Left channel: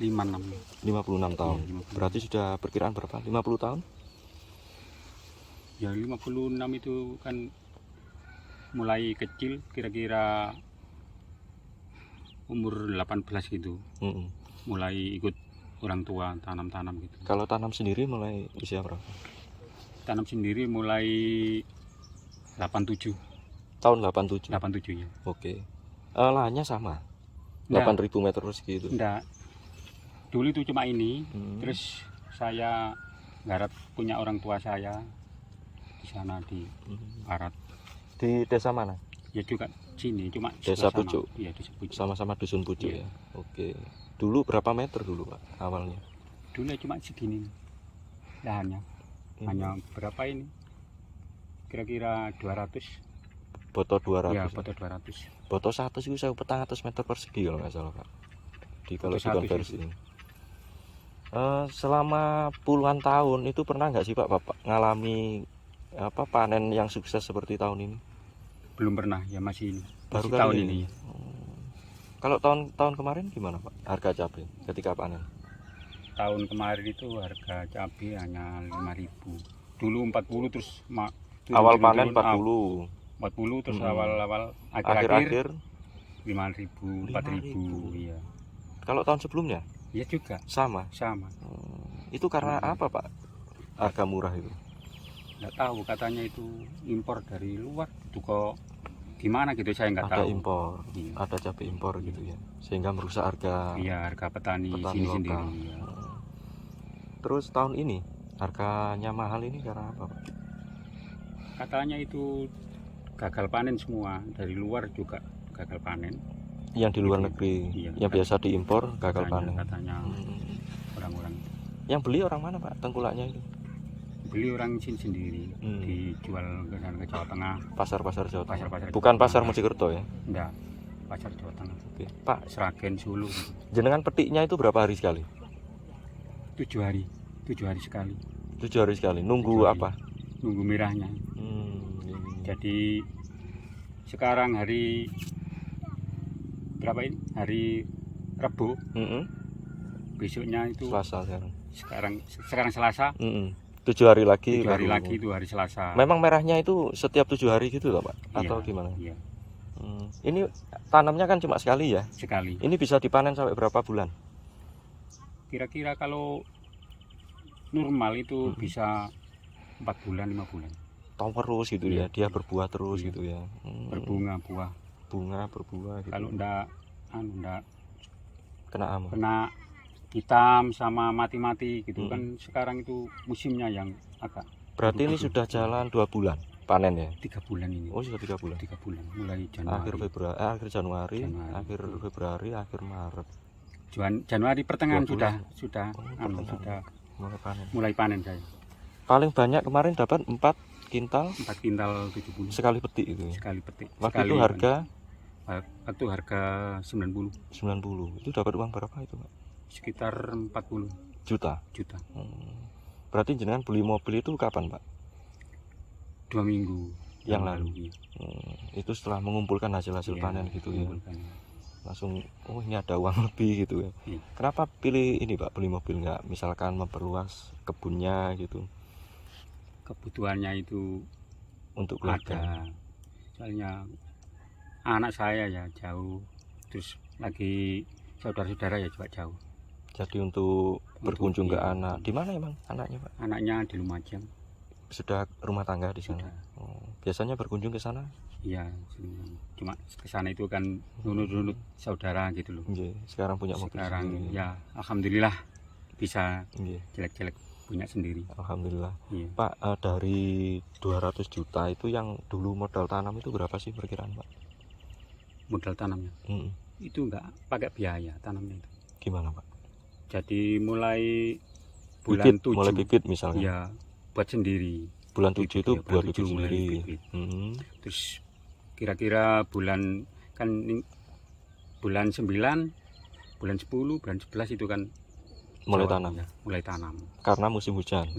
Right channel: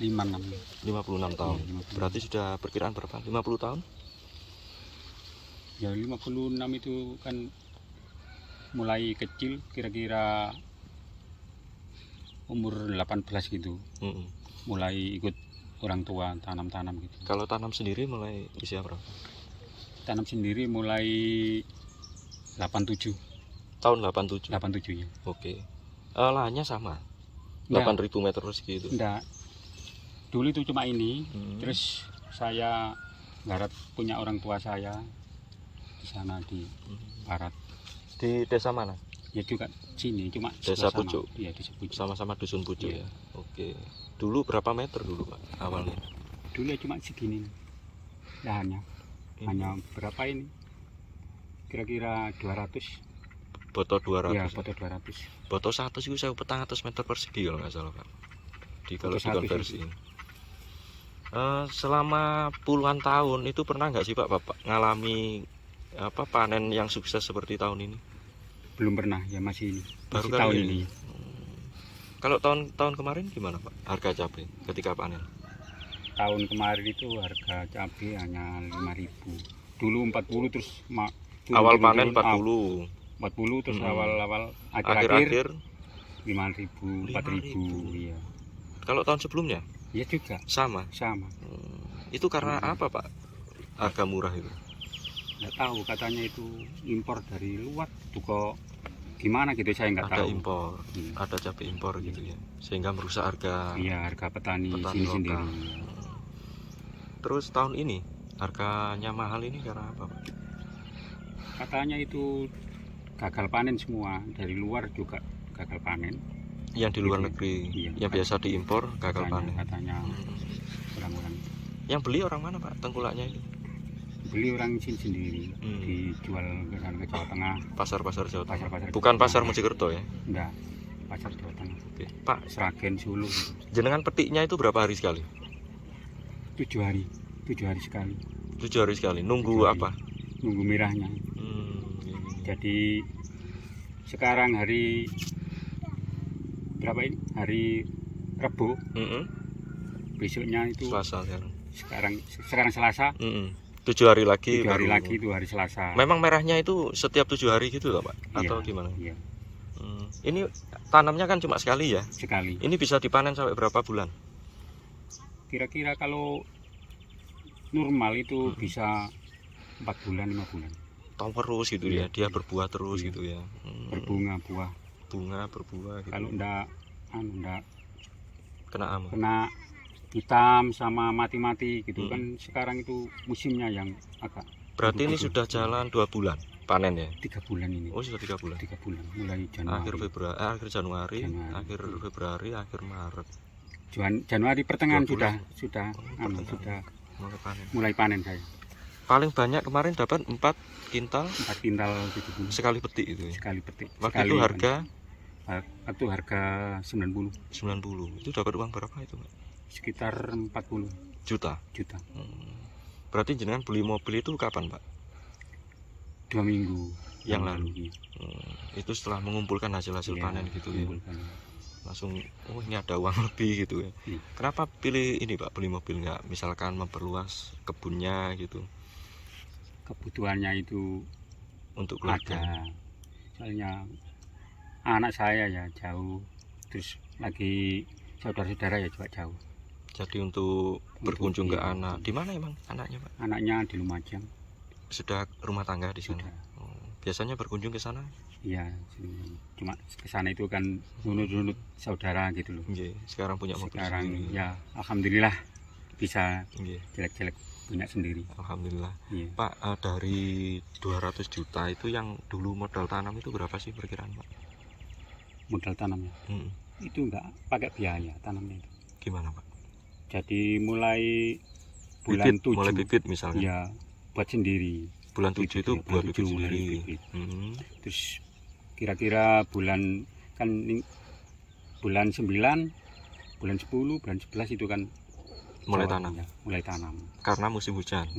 56 tahun. Iya, 56. Berarti sudah perkiraan berapa? 50 tahun? Ya 56 itu kan mulai kecil, kira-kira umur 18 gitu. Mulai ikut orang tua tanam-tanam gitu. Kalau tanam sendiri mulai usia berapa? Tanam sendiri mulai 87. Tahun 87. 87 ya. Oke. Lahannya sama. Enggak. 8.000 meter persegi itu. Enggak. Dulu itu cuma ini, terus saya garap punya orang tua saya di sana di barat. Di desa mana? Ya juga sini, cuma Desa sebelah sana. Pucuk. Iya, desa Pucuk. Sama-sama dusun Pucuk Iya. ya. Oke. Dulu berapa meter dulu Pak awalnya? Dulu ya cuma segini lahannya. Hanya berapa ini? Kira-kira 200. Boto 200. Ya, foto 200. Boto 100 itu 1.400 meter persegi kalau nggak salah Pak. Kalau Boto 100 dikonversi. Selama puluhan tahun itu pernah nggak sih Pak Bapak ngalami panen yang sukses seperti tahun ini? Belum pernah, ya masih ini. Baru Masih kali tahun ini. ini. Kalau tahun kemarin gimana Pak harga cabai ketika panen? Tahun kemarin itu harga cabai hanya 5.000. Dulu 40 terus Awal panen 40. 40 terus awal-awal Akhir-akhir 5.000, 4.000 iya. Kalau tahun sebelumnya? Iya juga Sama. Itu karena apa Pak? Harga murah itu? Nggak tahu, katanya itu impor dari luar itu kok gimana gitu, saya nggak Ada tahu. impor, Iya. ada cabai impor gitu ya, sehingga merusak harga. Iya, harga petani sini lokal. sendiri. Terus tahun ini harganya mahal ini karena apa Pak? Katanya itu gagal panen semua, dari luar juga gagal panen. Yang di luar Gitu. negeri, Iya, yang biasa diimpor gagal panen. Katanya orang-orang Yang beli orang mana Pak? Tengkulaknya itu? beli orang sini sendiri, dijual ke sana ke Jawa Tengah. Pasar-pasar Jawa Tengah. Pasar-pasar Bukan Jawa pasar Tengah. Mojokerto ya? Enggak, pasar Jawa Tengah. Oke. Pak, Sragen, Solo gitu. jenengan petiknya itu berapa hari sekali? 7 hari sekali. 7 hari sekali. Nunggu 7 hari. apa? Nunggu merahnya. Jadi sekarang hari berapa ini? Hari Rabu. Besoknya itu Selasa sekarang Selasa. 7 hari lagi. 7 hari lagi itu hari Selasa. Memang merahnya itu setiap 7 hari gitu loh Pak? Atau Iya, gimana? Iya. Ini tanamnya kan cuma sekali ya? Sekali. Ini bisa dipanen sampai berapa bulan? Kira-kira kalau normal itu bisa 4 bulan, 5 bulan. Tahun terus gitu ya, dia berbuah terus gitu ya. Berbunga buah. Bunga berbuah gitu. Kalau enggak kena hitam sama mati-mati gitu kan, sekarang itu musimnya yang agak. Berarti ini sudah jalan 2 bulan panen ya? 3 bulan ini. Oh, sudah 3 bulan. 3 bulan mulai Januari. Akhir Januari, akhir Februari, akhir Maret. Januari pertengahan sudah mulai panen saya. Paling banyak kemarin dapat 4 kintal 70 sekali petik itu ya. Sekali petik. Waktu itu harga 90. Itu dapat uang berapa itu Pak? Sekitar 40 juta. Berarti jenengan beli mobil itu kapan Pak? 2 minggu yang lalu. Itu setelah mengumpulkan hasil-hasil panen gitu ya. Langsung ini ada uang lebih gitu ya. Kenapa pilih ini Pak, beli mobil, nggak misalkan memperluas kebunnya gitu? Kebutuhannya itu untuk keluarga. Soalnya anak saya ya jauh, terus lagi saudara-saudara ya juga jauh. Jadi untuk berkunjung ke anak. Di mana emang anaknya Pak? Anaknya di Lumajang. Sudah rumah tangga di sana. Biasanya berkunjung ke sana? Iya, cuma ke sana itu kan nunut-nunut saudara gitu loh. Sekarang punya mobil sendiri. Ya, alhamdulillah bisa jelek-jelek punya sendiri. Alhamdulillah. Pak, dari 200 juta itu yang dulu modal tanam itu berapa sih perkiraan Pak? Modal tanamnya? Itu enggak pakai biaya tanamnya itu. Gimana Pak? Jadi mulai bulan 7 mulai bibit misalnya. Iya, buat sendiri. Bulan 7 itu buat bibit sendiri. Terus kira-kira bulan 9, bulan 10, bulan 11 itu kan mulai tanam. Ya, mulai tanam. Karena musim hujan.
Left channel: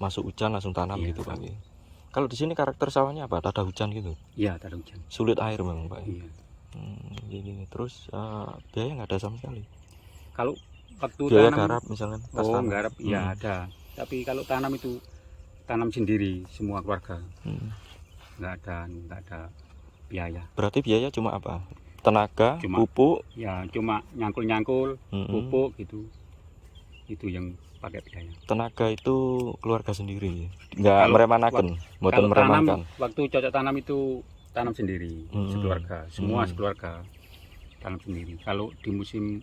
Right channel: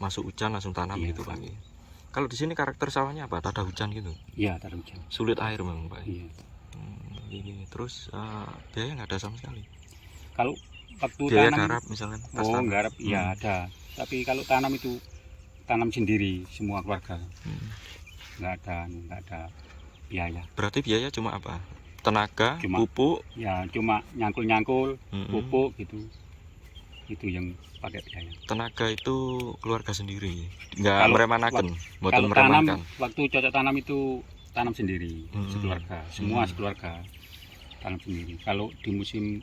Masuk hujan langsung tanam gitu Pak. Kalau di sini karakter sawahnya apa? Tak ada hujan gitu? Iya, tak ada hujan. Sulit air memang Pak. Iya. Terus biaya nggak ada sama sekali. Kalau waktu biaya tanam garap misalnya pas oh tanam. garap ya ada, tapi kalau tanam itu tanam sendiri semua keluarga, Hmm. nggak ada biaya. Berarti biaya cuma apa, tenaga, Cuma- pupuk. Ya cuma nyangkul Mm-mm. pupuk gitu, itu yang pakai biaya. Tenaga itu keluarga sendiri, nggak Kalau- meremanakan, mboten Kalau tanam meremanakan. waktu cocok tanam itu tanam sendiri, sekeluarga, semua Hmm. sekeluarga tanam sendiri. Kalau di musim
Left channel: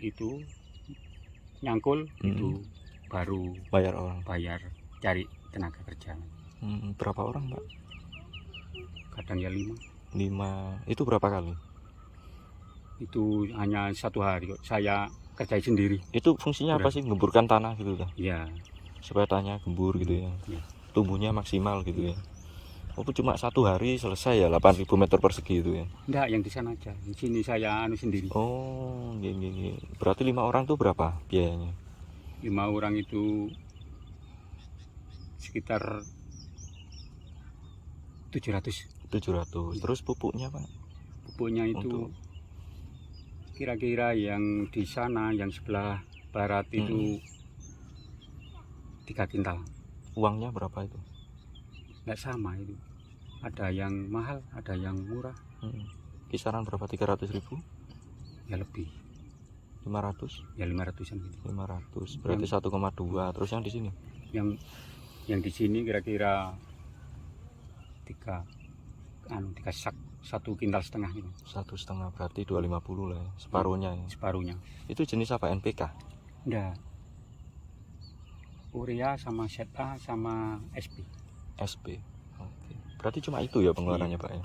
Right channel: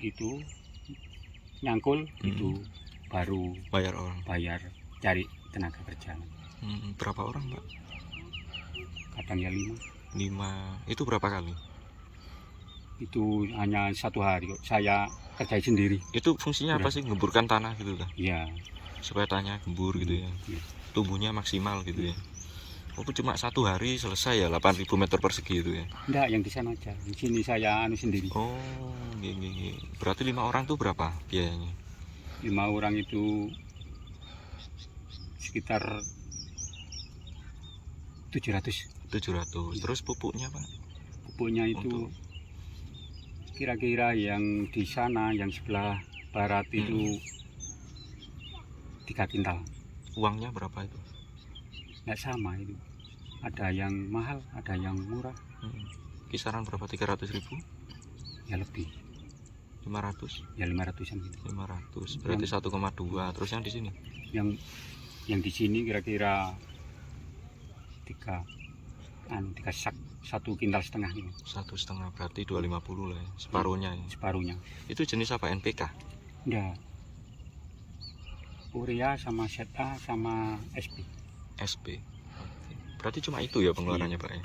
itu nyangkul itu baru Bayar orang. bayar cari tenaga kerja. Berapa orang Pak? Kadang ya 5, 5. Itu berapa kali? itu hanya 1 hari kok saya kerjain sendiri. Itu fungsinya apa Udah. sih, gemburkan tanah gitu kan, Ya, supaya tanahnya gembur gitu ya, Iya. tumbuhnya maksimal gitu ya. Itu cuma 1 hari selesai ya, 8.000 meter persegi itu ya. enggak, yang di sana aja. Di sini saya sendiri. Oh, gini. Berarti 5 orang tuh berapa biayanya? 5 orang itu sekitar 700. 700. Terus pupuknya Pak? Pupuknya itu kira-kira yang di sana, yang sebelah barat itu 3 kintal. Uangnya berapa itu? Nggak sama itu. Ada yang mahal, ada yang murah, Kisaran berapa? 300.000? ya lebih. 500? Ya 500-an gitu. 500. Berarti 1,2. Terus yang di sini? Yang di sini kira-kira 3 sak, 1,5 kintal gitu. 1,5, berarti 250 lah ya, separuhnya ya. Separuhnya. Itu jenis apa, NPK? Enggak. Urea sama ZA sama SP. SP. Oke. Berarti cuma itu ya pengeluarannya Pak ya.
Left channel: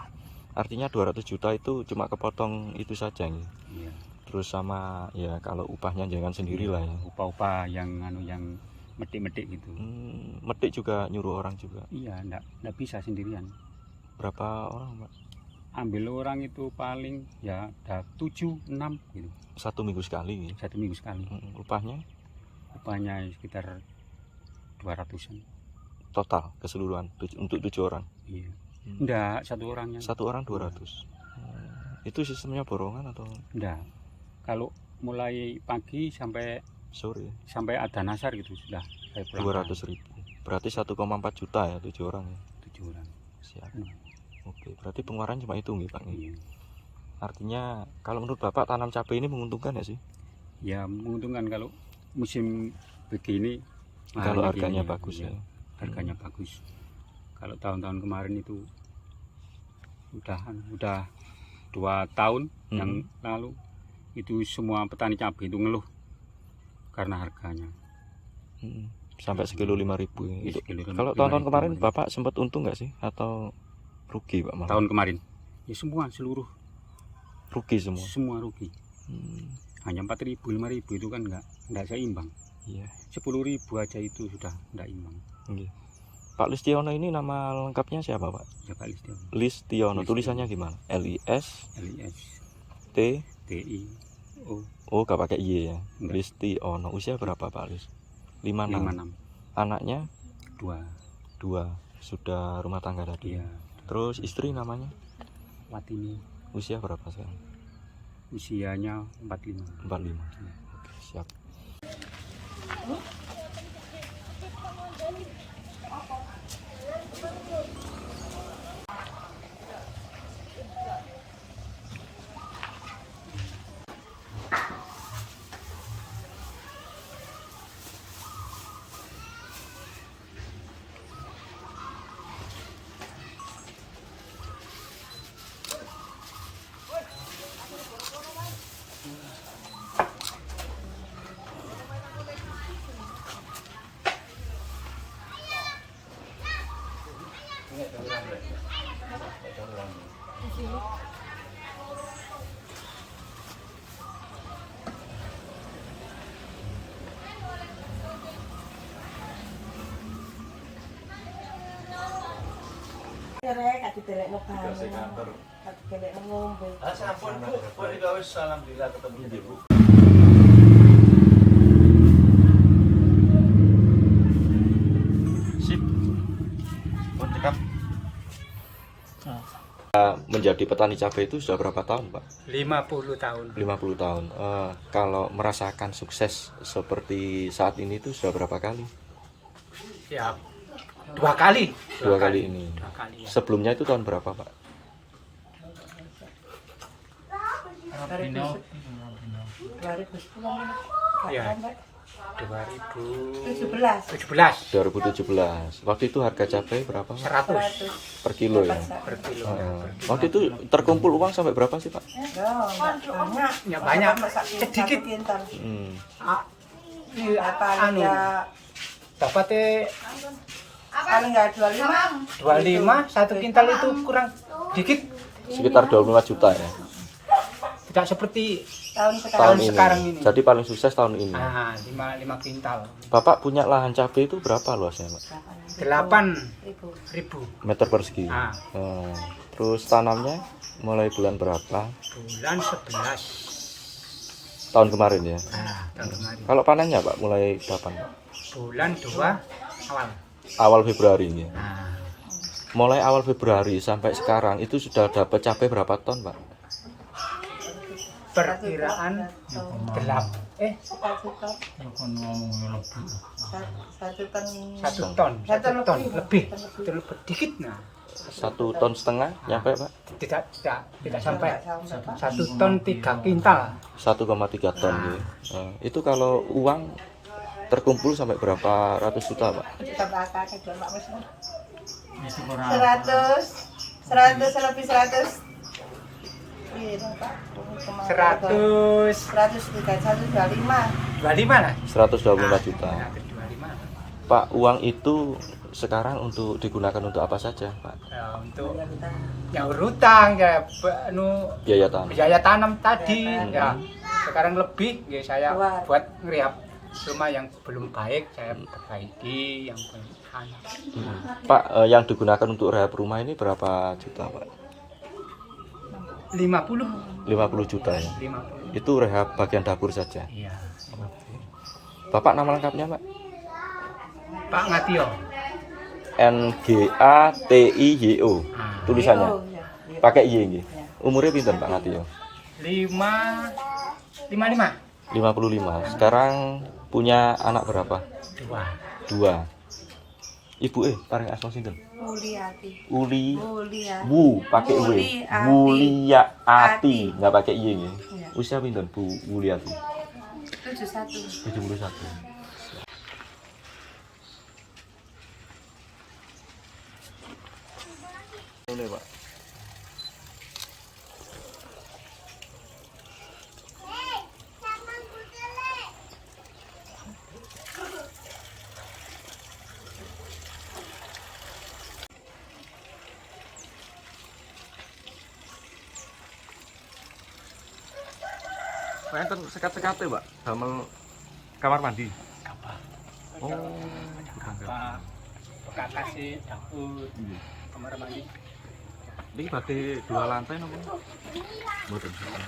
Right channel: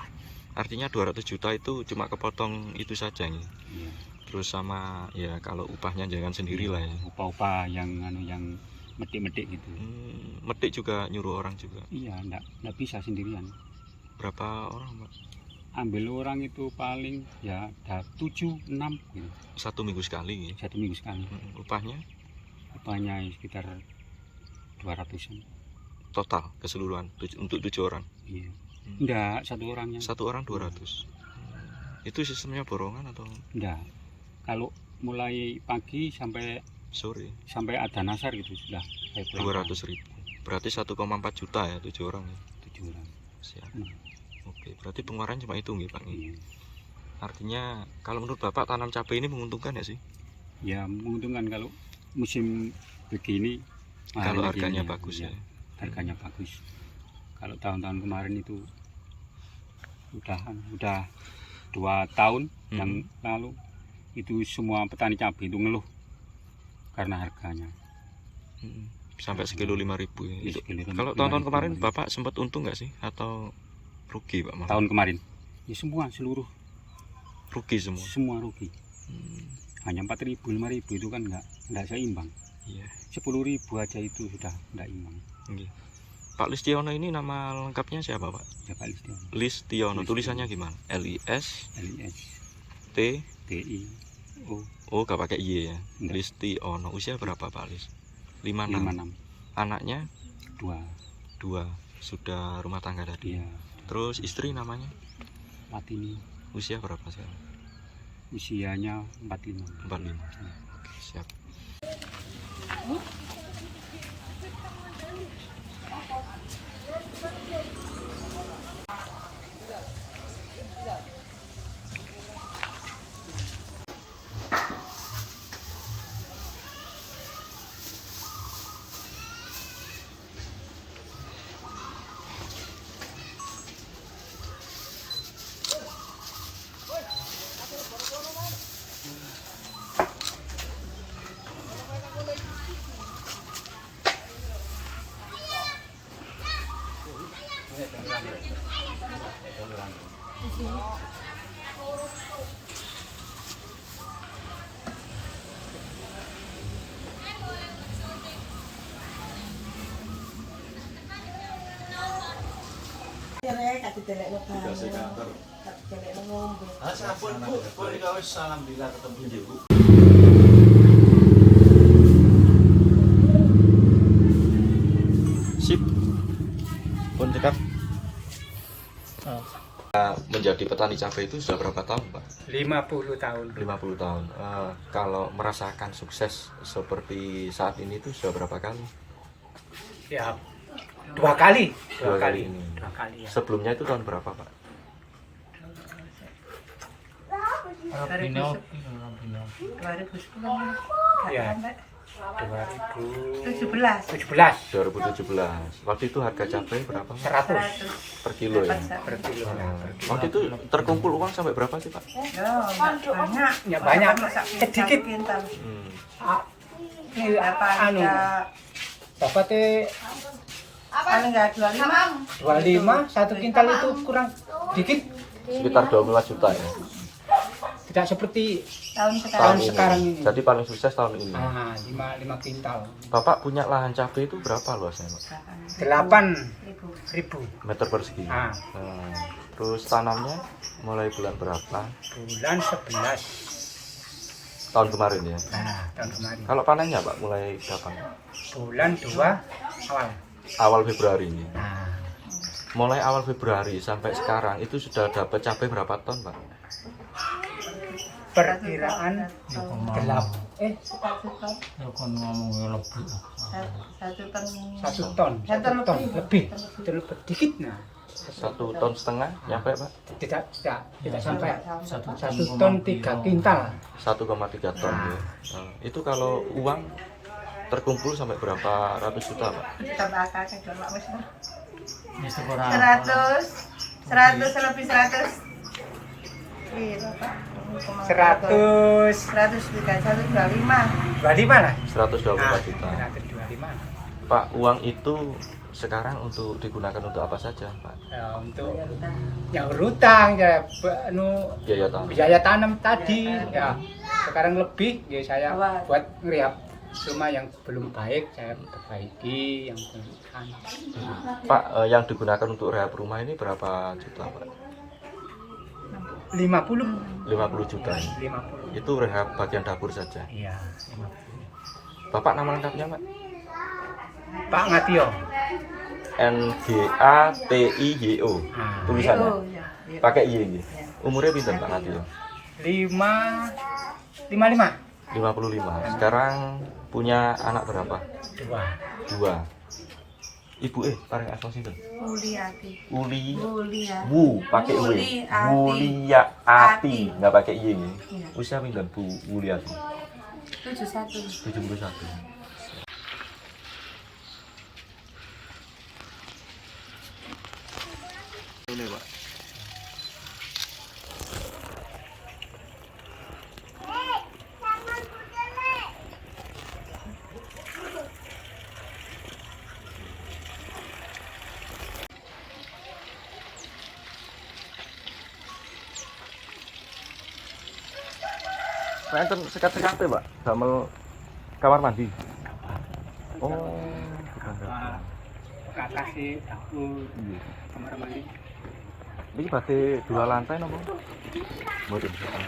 Artinya 200 juta itu cuma kepotong itu saja nih. Iya. Terus sama ya kalau upahnya jangan sendiri lah ya. Upah-upah yang yang metik-metik gitu. Metik juga nyuruh orang juga. Iya, enggak bisa sendirian. Berapa orang Pak? Ambil orang itu paling ya ada 7, 6 gitu. 1 minggu sekali. 1 minggu sekali. Upahnya Upahnya sekitar 200-an. total keseluruhan untuk 7 orang. Iya. Enggak, 1 orangnya. 1 orang 200. Itu sistemnya borongan atau Enggak. Kalau mulai pagi sampai sore? ada nasar gitu sudah saya pulang. 200.000. Berarti 1,4 juta ya 7 orang ya. 7 orang. Siap. Hmm. Oke, berarti pengeluaran cuma itu nggih Pak. Iya. Artinya kalau menurut Bapak tanam cabai ini menguntungkan ya sih? Ya menguntungkan kalau musim begini. Kalau mahalnya harganya gini, bagus iya, ya. Harganya bagus. Kalau tahun-tahun kemarin itu udah 2 tahun yang lalu itu semua petani cabai itu ngeluh karena harganya. Sampai sekilo 5.000 ya. Iya, sekilo Kalau 5.000, tahun-tahun kemarin 5.000. Bapak sempat untung nggak sih atau rugi Pak malah? Tahun kemarin ya semua seluruh Rugi semua. semua rugi. Hanya 4.000 5.000 itu kan nggak seimbang. Iya. 10.000 aja itu sudah nggak imbang. Nggih. Pak Listiono ini nama lengkapnya siapa Pak? Ya Pak Listiono. Listiono. Listiono. Tulisannya gimana? LIS LIS T TI O Oh gak pakai Y ya. Enggak. Listiono. Usia berapa Pak Lis? 56. 56 Anaknya 2. 2. Sudah rumah tangga tadi. Iya. Terus istri namanya? Latini Usia berapa sekarang? usianya 45. 45. Ya. Oke, siap. Sampun Bu, pun wis alhamdulillah ketemu Ibu. Sip. Pun cekap. menjadi petani cabai itu sudah berapa tahun Pak? 50 tahun. 50 tahun. Kalau merasakan sukses seperti saat ini itu sudah berapa kali? Ya, 2 kali. Dua kali ini. 2 kali ya. Sebelumnya itu tahun berapa Pak? Ya, 2017. 2017. Waktu itu harga cabai berapa? 100 Per kilo ya. per kilo. Waktu itu terkumpul uang sampai berapa sih Pak? Ya banyak, sedikit. Hmm. Ah, ini anu dapatnya Paling nggak 25, 1 kintal itu kurang dikit. Sekitar 25 juta ya. Tidak seperti tahun ini. sekarang ini. Jadi paling sukses tahun ini. 5 kintal. Bapak punya lahan cabai itu berapa luasnya Pak? 8.000 Meter persegi. Ah. Terus tanamnya mulai bulan berapa? bulan 11 Tahun kemarin ya. tahun kemarin. Kalau panennya Pak mulai kapan? Bulan 2 awal. Awal Februari ini. Nah, Mulai awal Februari sampai sekarang itu sudah dapat cabai berapa ton Pak? perkiraan 1 ton lebih dikit. Nah, 1,5 ton nyampe Pak? tidak sampai 1 ton 3 kintal. 1,3 ton ya. Itu kalau uang terkumpul sampai berapa ratus juta Pak? 100 lebih 100. 25 lah. 124 juta. 125. Pak, uang itu sekarang untuk digunakan untuk apa saja Pak? Ya, untuk nyaur hutang ya, Biaya tanam. biaya tanam tadi ya. Sekarang lebih ya saya buat ngeriap rumah yang belum baik, saya perbaiki yang belum anu. Pak, yang digunakan untuk rehab rumah ini berapa juta Pak? 50 juta ya? 50. Itu rehab bagian dapur saja. Iya, 50. Bapak nama lengkapnya Pak? Pak Ngatio. NGATIYO. Tulisannya. Iya. Pakai Y ini. Umurnya pinten Pak Natio? 55. 55. Sekarang punya anak berapa? 2. Ibu paling asal sinten? Mulyati. Uli Mulyati. Bu pakai Y. Mulyati. Mulyati, enggak pakai Y ini. Iya. Usia pinten Bu Mulyati? 71. 71. Ini Pak. Nah, itu sekat-sekat Pak, damel kamar mandi. Apa? Oh, Apa? Kata sih dapur, kamar mandi. ini berarti 2 lantai napa? Mboten sekat.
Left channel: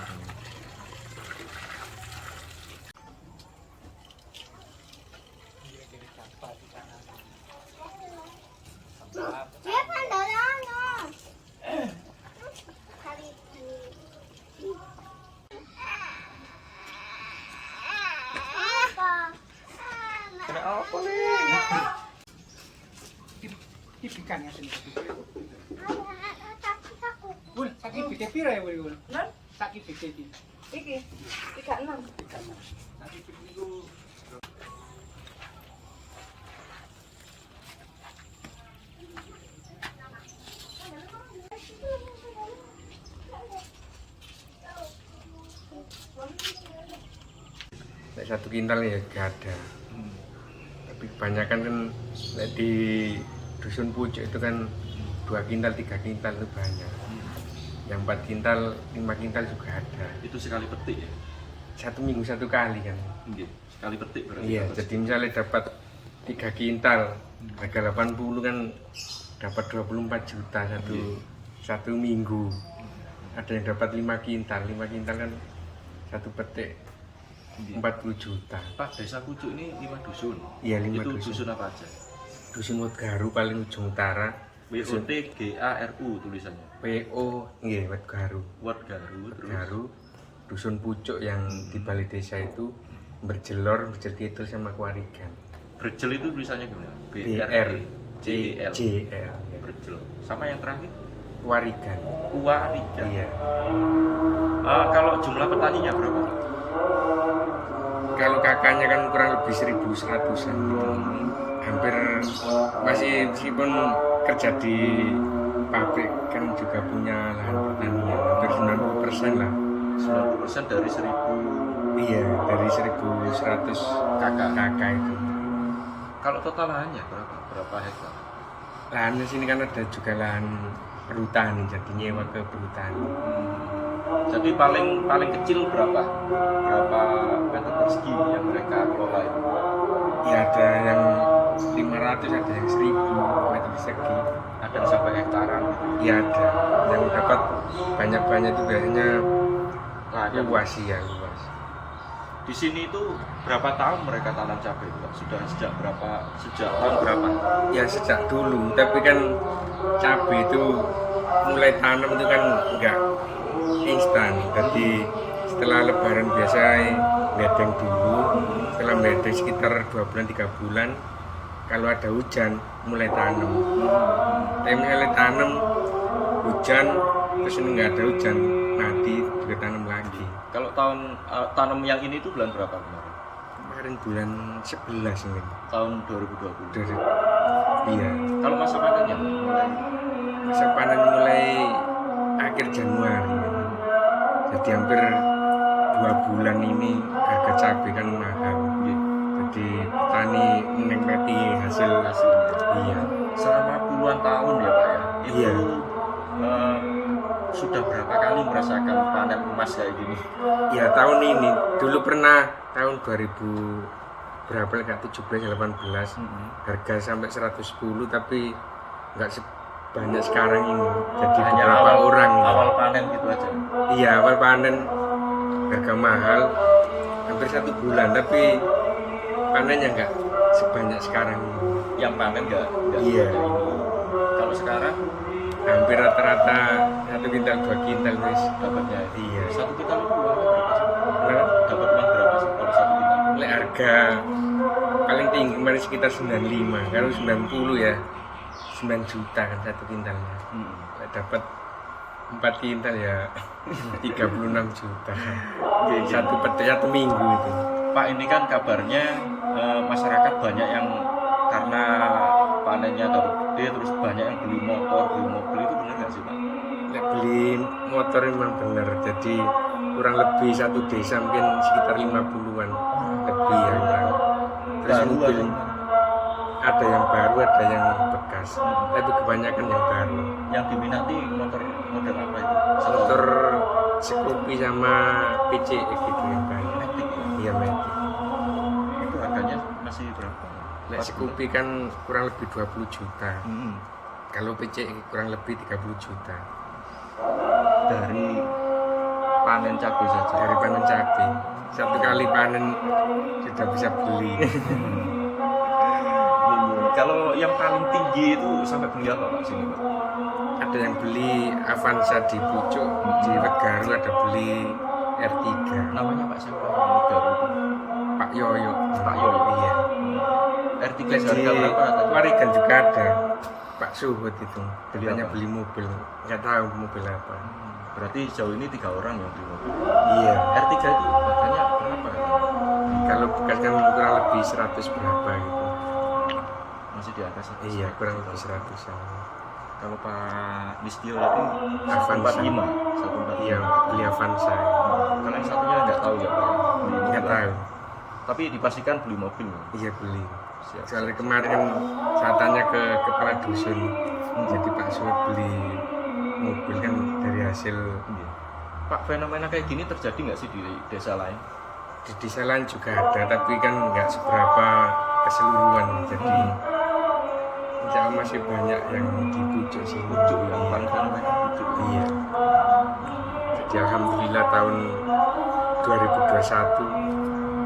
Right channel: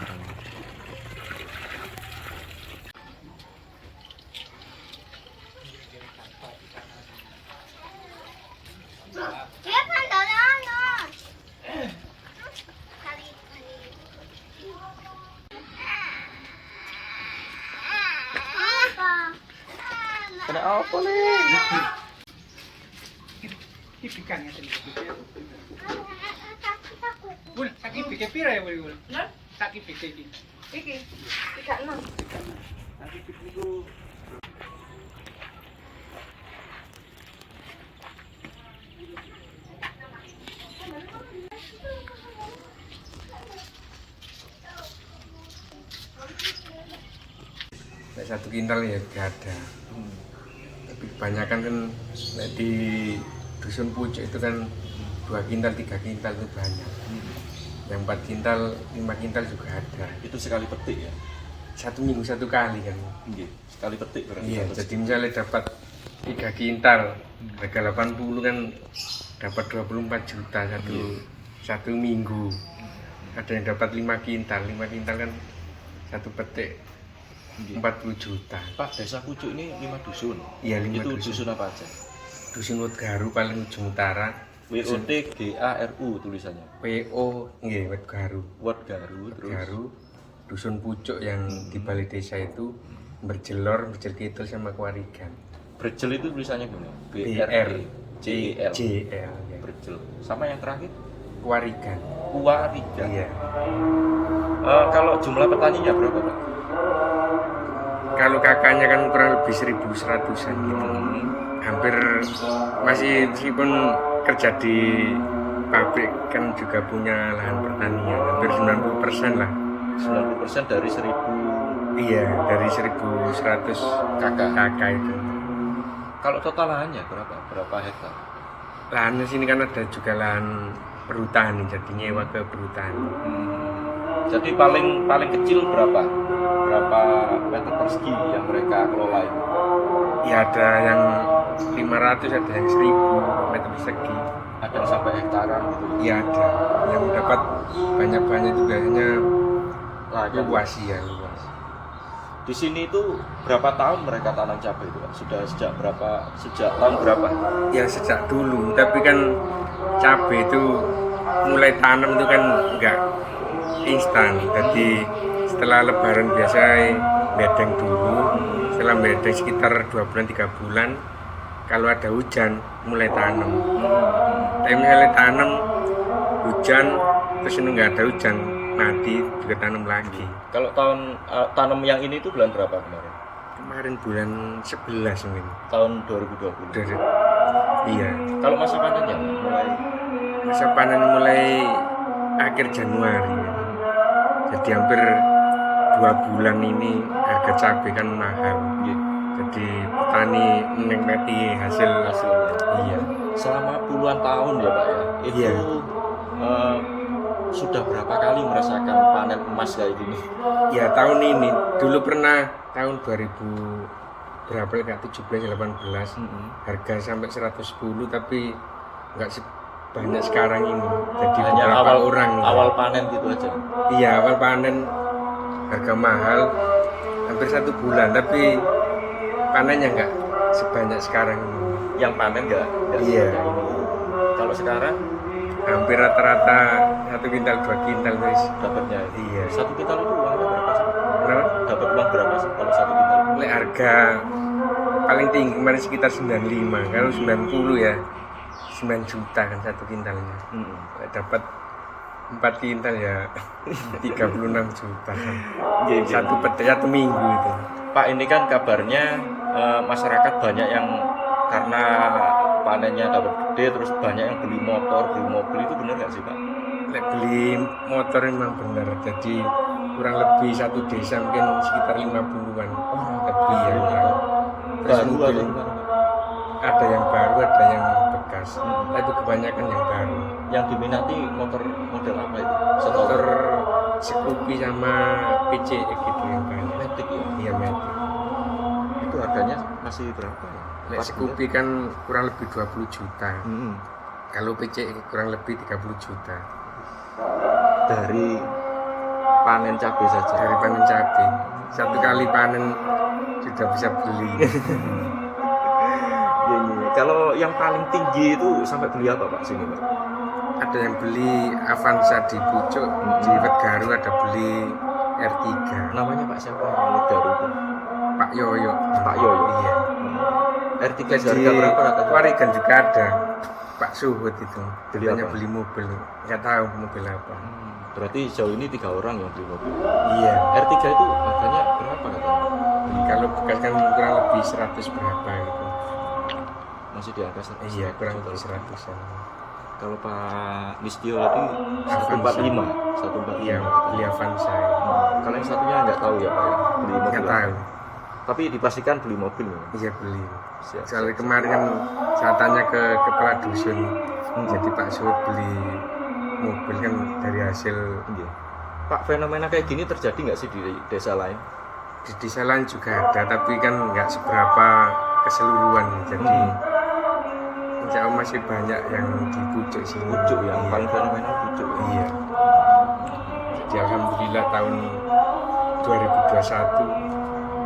Kena apa nih? Ikan ya sini. Bul, sakit pikir pira ya bul? Sakit pikir iki. Iki 36. Nanti pikir niku satu kintal ya gak ada, tapi kebanyakan kan di dusun pucuk itu kan 2 kintal 3 kintal itu banyak, yang 4 kintal 5 kintal juga ada. Itu sekali petik ya? 1 minggu 1 kali kan. Sekali petik berarti. Iya, jadi misalnya dapat 3 kintal harga 80 kan dapat 24 juta satu minggu. Ada yang dapat 5 kintal kan 1 petik 40 juta. Pak, desa Pucuk ini 5 dusun. Iya, 5 Itu dusun. dusun apa aja? Dusun Wetgaru paling ujung utara, WOT GARU tulisannya. WO nggih Wet Garu. Wet Garu Wet terus Garu dusun pucuk yang di balai desa itu berjelor, berjel kidul sama Kuarigan. Berjel itu tulisannya gimana? BRJL ya. Berjel. Sama yang terakhir Kuarigan. Kuarigan. Iya. Kalau jumlah petaninya berapa, Pak? Kalau kakaknya kan kurang lebih 1.100-an gitu. Hampir masih meskipun kerja di pabrik kan juga punya lahan pertanian. Hampir 90% lah. 90% dari 1000. Iya, dari 1.100 kakak itu. Kalau total lahannya berapa? Berapa hektar? Lahannya sini kan ada juga lahan perhutani, jadi nyewa ke perhutani. Jadi paling kecil berapa? Berapa meter persegi yang mereka kelola itu? Ya ada yang 500, ada yang 1.000 meter persegi. Ada yang sampai hektaran gitu. Iya ada. Yang dapat banyak-banyak itu biasanya luas ya luas. Di sini itu berapa tahun mereka tanam cabai itu, Pak? Sudah sejak tahun berapa? Ya sejak dulu, tapi kan cabai itu mulai tanam itu kan enggak instan. Jadi setelah lebaran biasa bedeng dulu, setelah bedeng sekitar 2 bulan 3 bulan, kalau ada hujan mulai tanam. Tapi misalnya tanam hujan terus ini nggak ada hujan mati juga tanam lagi. Kalau tahun tanam yang ini itu bulan berapa kemarin? Kemarin bulan 11 mungkin. Tahun 2020. Dari, iya. Kalau masa panennya mulai Masa panen mulai akhir Januari. Ya. Jadi hampir 2 bulan ini harga cabai kan mahal. Jadi petani menikmati hasilnya. Iya. Selama puluhan tahun ya, Pak ya. Itu Iya. Sudah berapa kali merasakan panen emas kayak gini? Ya tahun ini dulu pernah tahun 2000 berapa enggak 17 18 harga sampai 110 tapi enggak sebanyak sekarang ini. Jadi Hanya beberapa orang awal panen gitu aja. Iya, awal panen harga mahal hampir 1 bulan tapi panennya enggak sebanyak sekarang ini. Yang panen enggak Iya. sebanyak ini. Kalau sekarang Hampir rata-rata 1 kintal 2 kintal guys. dapatnya. Iya. 1 kintal itu uangnya berapa sih? Kenapa? Dapat uang berapa sih kalau 1 kintal? Lek harga paling tinggi kemarin sekitar 95. Kalau 90 ya 9 juta kan 1 kintalnya. Lek dapat 4 kintal ya 36 juta. Satu minggu itu. Pak, ini kan kabarnya masyarakat banyak yang karena panennya dapat gede terus banyak yang beli motor, beli mobil, itu benar nggak sih, Pak? Lek beli motor memang benar. Jadi kurang lebih satu desa mungkin sekitar 50-an lebih yang orang. Terus Baru mobil ada ada yang baru, ada yang bekas. Tapi kebanyakan yang baru. yang diminati motor model apa itu? Motor Scoopy sama PCX gitu yang banyak. Matic ya? Iya Matic. Itu harganya masih berapa ya? Lek Scoopy kan kurang lebih 20 juta. Mm-mm. Kalau PCX kurang lebih 30 juta. Dari panen cabai saja. Dari panen cabai. Satu kali panen sudah bisa beli. Kalau yang paling tinggi itu sampai beli apa, Pak, sini, Pak? Ada yang beli Avanza di Pucuk, di Wet Garu ada beli R3. Namanya Pak siapa? Yang baru itu. Pak Yoyo. Pak Yoyo. Iya. R3 Lek harga di berapa katanya? Warigan juga ada. Pak Suhut itu. Katanya apa? beli mobil. Nggak tahu mobil apa. Berarti jauh ini 3 orang yang beli mobil. Iya. R3 itu harganya berapa katanya? Kalau bekas kan kurang lebih 100 berapa gitu. Masih di atas 100. Iya, kurang lebih 100-an. Kalau Pak Listio itu Avanza. 145. 145. Iya, beli Avanza. Kalau yang satunya nggak tahu ya, Pak. Ya? Beli mobil. Nggak tahu. Tapi dipastikan beli mobil. Iya beli. Siap. Soalnya kemarin kan saya tanya ke kepala dusun. Jadi Pak Suhut beli mobil kan dari hasil Iya. Pak, fenomena kayak gini terjadi nggak sih di desa lain? di desa lain juga ada, tapi kan nggak seberapa keseluruhan. Jadi insya Allah masih banyak yang di pucuk sini. Pucuk ya, Iya. paling fenomena pucuk. Iya. Jadi alhamdulillah tahun 2021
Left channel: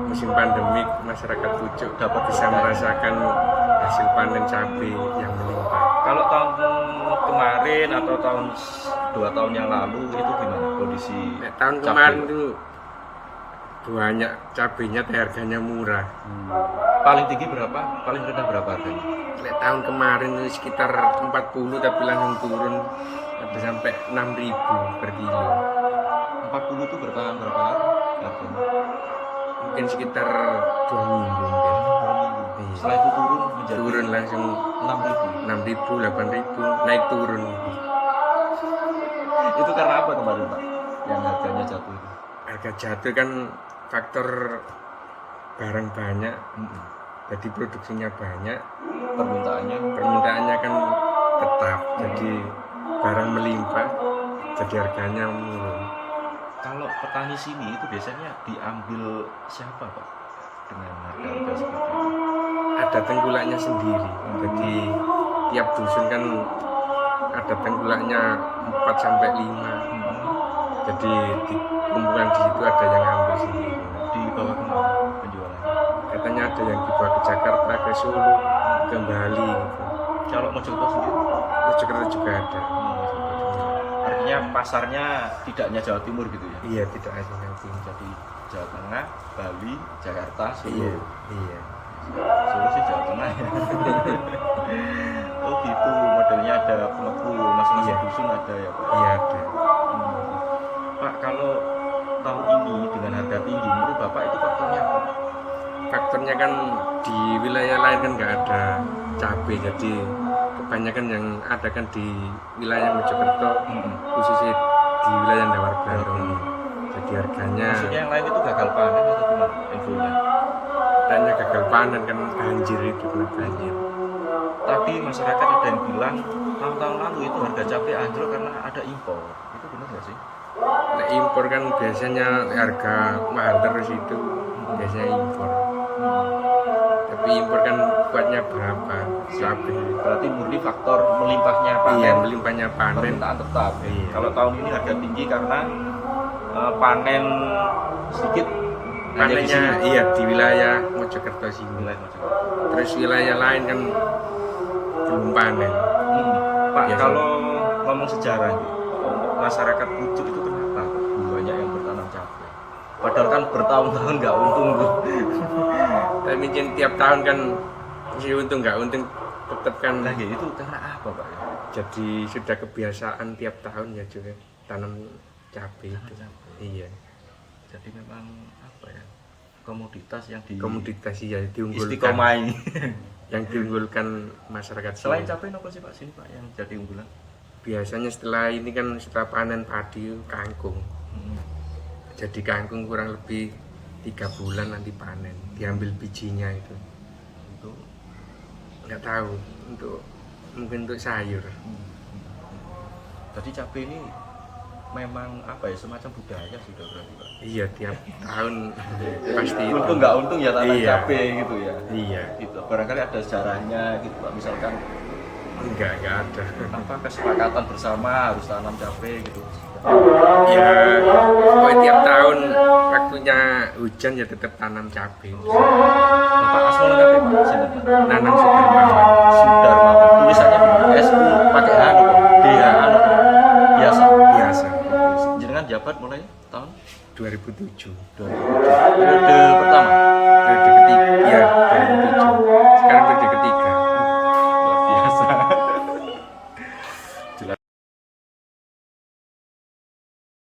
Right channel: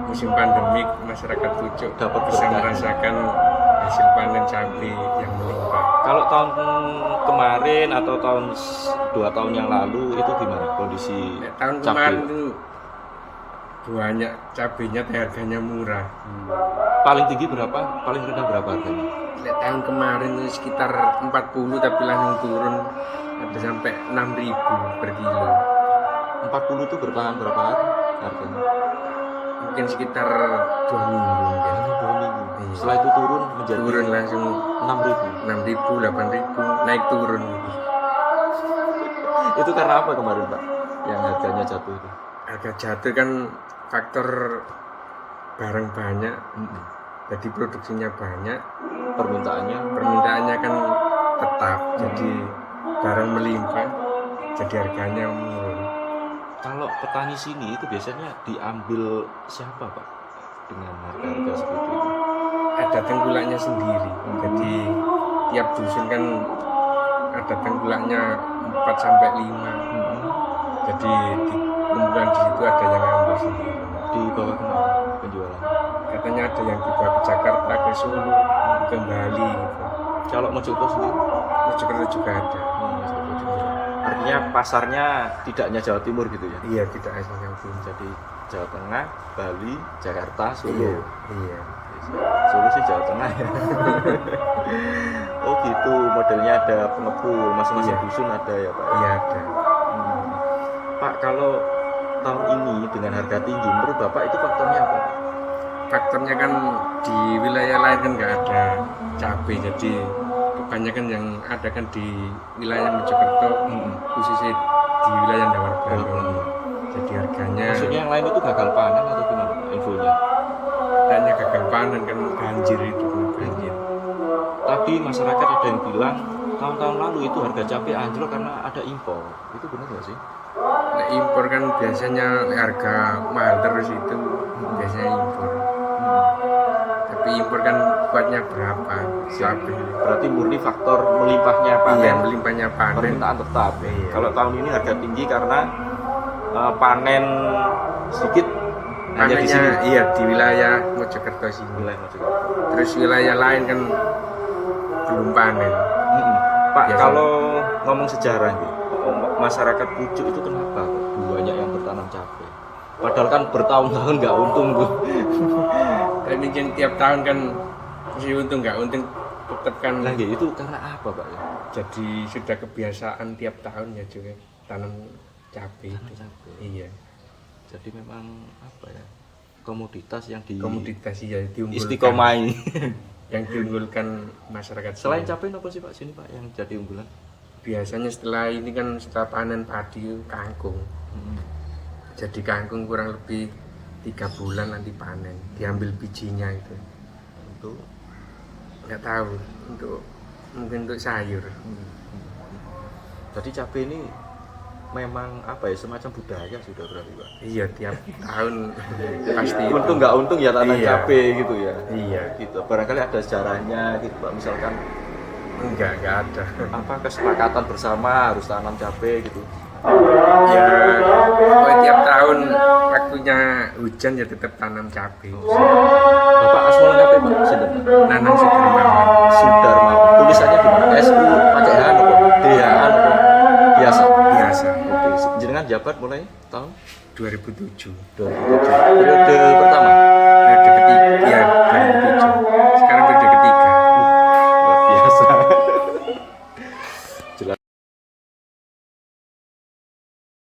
musim pandemik masyarakat pucuk Dapat bisa berkah. merasakan hasil panen cabai yang melimpah. Kalau tahun kemarin atau 2 tahun yang lalu itu gimana kondisi Nek tahun cabai? kemarin tuh banyak cabenya teh harganya murah. Paling tinggi berapa? Paling rendah berapa harganya? Nek tahun kemarin itu sekitar 40 tapi langsung turun ada sampai 6.000 per kilo. 40 itu bertahan berapa hari harganya? Mungkin sekitar 2 minggu mungkin. 2 minggu. Iya. Setelah itu turun menjadi Turun langsung 6.000. 6.000, 8.000 naik turun gitu. Itu karena apa kemarin Pak? Yang harganya jatuh itu? Harga jatuh kan faktor barang banyak, jadi produksinya banyak, permintaannya kan tetap, jadi barang melimpah, jadi harganya menurun. Kalau petani sini itu biasanya diambil siapa Pak dengan harga seperti itu? Ada tengkulaknya sendiri, jadi tiap dusun kan ada tengkulaknya 4 sampai 5. Jadi di kumpulan di situ ada yang ambil sendiri. Dibawa kemana penjualan? Katanya ada yang dibawa ke Jakarta, ke Solo, ke Bali gitu. Kalau Mojokerto sendiri? Mojokerto juga ada. Artinya pasarnya tidak hanya Jawa Timur gitu ya? Iya, tidak hanya yang Timur. Jadi Jawa Tengah, Bali, Jakarta, Solo. Iya, iya. Solo sih Jawa Tengah ya. Oh gitu, modelnya ada pengepul, masing-masing Iya. dusun ada ya Pak? Iya ada. Pak, kalau tahun ini dengan harga tinggi, menurut Bapak itu faktornya apa? Faktornya kan di wilayah lain kan nggak ada cabai, jadi kebanyakan yang ada kan di wilayah Mojokerto, khususnya di wilayah Dawar Brandon. Jadi harganya Maksudnya yang lain itu gagal panen atau gimana infonya? katanya gagal panen kan banjir itu kan banjir. Tadi masyarakat ada yang bilang tahun-tahun lalu itu harga cabai anjlok karena ada impor. Itu benar nggak sih? Nah, impor kan biasanya harga mahal terus itu biasanya impor. Tapi impor kan kuatnya berapa? Cabai. Berarti murni faktor melimpahnya panen. Iya, melimpahnya panen. Permintaan tetap. Iya. Kalau tahun ini harga tinggi karena panen sedikit. hanya di sini. Panennya iya di wilayah Mojokerto sini. Wilayah Mojokerto. Terus wilayah lain kan belum panen. Pak, Biasa. kalau ngomong sejarah nih, masyarakat Pucuk itu kenapa banyak yang bertanam cabai? Padahal kan bertahun-tahun nggak untung tuh. Tapi mungkin tiap tahun kan mesti untung nggak untung tetap kan. Lagi itu karena apa Pak? Jadi sudah kebiasaan tiap tahun ya juga tanam cabai itu. Iya. Jadi memang apa ya, komoditas yang Komoditas ya diunggulkan. istiqomai. Yang diunggulkan masyarakat Selain sini. cabai apa sih Pak sini Pak yang jadi unggulan? Biasanya setelah ini kan setelah panen padi kangkung. Jadi kangkung kurang lebih 3 bulan nanti panen, diambil bijinya itu. Untuk Nggak tahu mungkin untuk sayur. jadi cabai ini memang apa ya, semacam budaya sudah berarti Pak. Iya tiap tahun pasti itu. Untung nggak untung ya tanam Iya. cabai gitu ya. Iya. Gitu. Barangkali ada sejarahnya gitu Pak, misalkan Enggak ada. apa kesepakatan bersama harus tanam cabai gitu. Ya pokoknya tiap tahun waktunya hujan ya tetap tanam cabai. Bapak asmolnya apa Pak? Sinten? Nanang Sudarmawan. Sudarmawan. Tulisannya gimana? SU pakai H apa? DH apa? Biasa. Biasa. Oke. Jenengan jabat mulai tahun 2007. 2007. Periode pertama.